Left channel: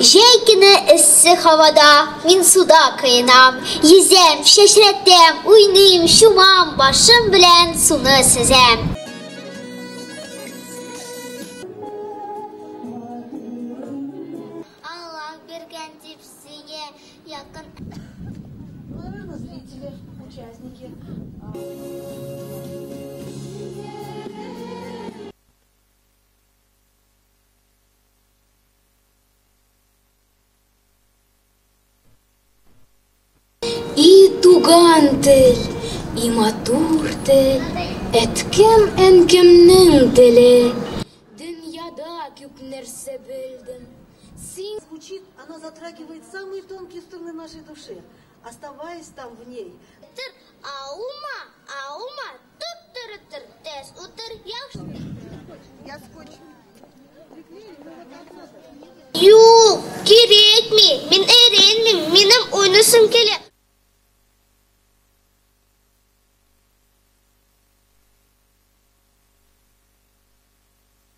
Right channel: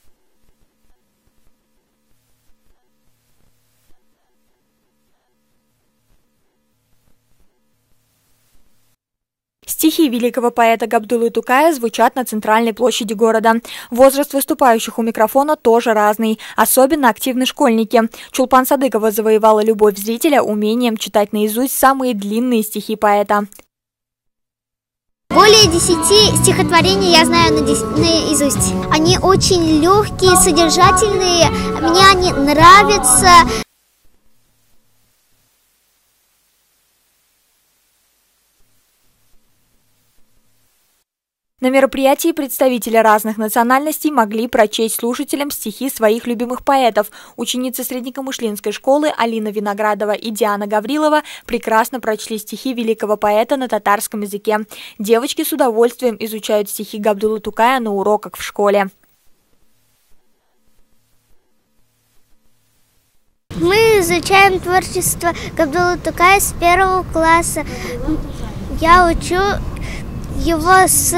Жейкine ısı havada, min suda kıyınam, yüzem, şaşrettem, уйным, şumam, başım bilen суны сізем. Стихи великого поэта Габдуллы Тукая звучат на центральной площади города. Возраст выступающих у микрофона тоже разный, особенно активны школьники. Чулпан Садыкова завоевала любовь зрителя умением читать наизусть самые длинные стихи поэта. Более 10 стихотворений я знаю наизусть. Они очень легкие, содержательные, мне они нравятся. И тугантель, и матуртель. На мероприятии представители разных национальностей могли прочесть слушателям стихи своих любимых поэтов. Ученицы Среднекамышлинской школы Алина Виноградова и Диана Гаврилова прекрасно прочли стихи великого поэта на татарском языке. Девочки с удовольствием изучают стихи Габдуллы Тукая на уроках в школе. Мы изучаем творчество Габдуллы Тукая с 1 класса. Я учу его с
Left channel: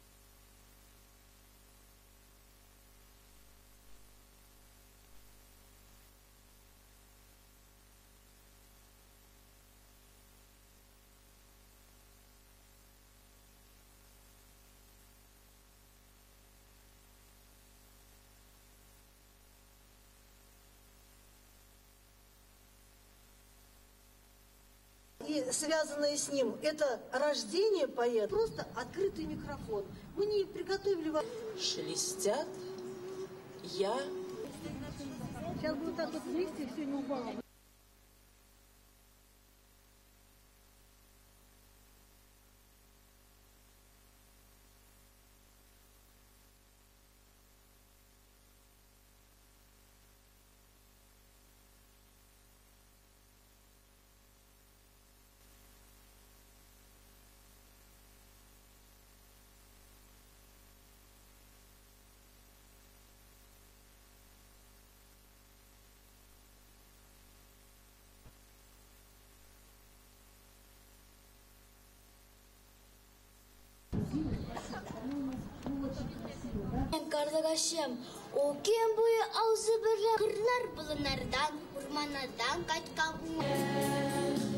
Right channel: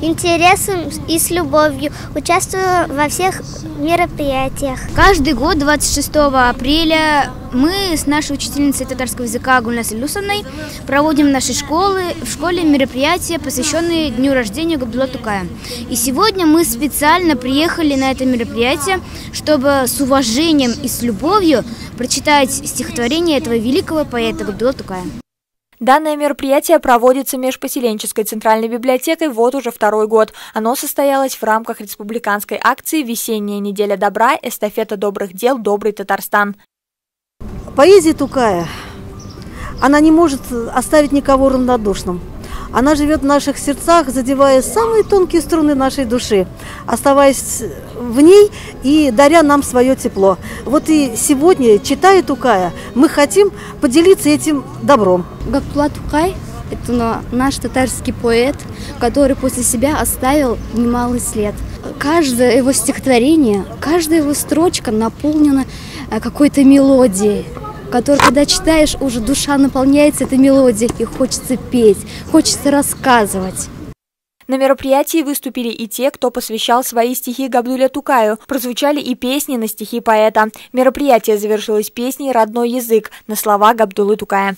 интересом и с любовью. Участвую во всех мероприятиях. Каждый год 26 апреля мы с нашей учительницей татарского языка Гульнасой Люсовной проводим в нашей школе мероприятия, посвященные дню рождения Габдуллы Тукая. И сегодня мы специально приехали на это мероприятие, чтобы с уважением и с любовью прочитать стихотворение этого великого поэта Габдуллы Тукая. Данное мероприятие проводится межпоселенческой центральной библиотекой вот уже 2-й год. Оно состоялось в рамках республиканской акции «Весенняя неделя добра. Эстафета добрых дел. Добрый Татарстан». Поэзия Тукая, она не может оставить никого равнодушным. Она живет в наших сердцах, задевая самые тонкие струны нашей души, оставаясь в ней и даря нам свое тепло. Вот и сегодня, читая Тукая, мы хотим поделиться этим добром. Габдулла Тукай – это наш татарский поэт, который после себя оставил немалый след. Каждое его стихотворение, каждая его строчка наполнена какой-то мелодией, которую, когда читаешь, уже душа наполняется этой мелодией, и хочется петь, хочется рассказывать. На мероприятии выступили и те, кто посвящал свои стихи Габдулле Тукаю. Прозвучали и песни на стихи поэта. Мероприятие завершилось песней «Родной язык» на слова Габдуллы Тукая.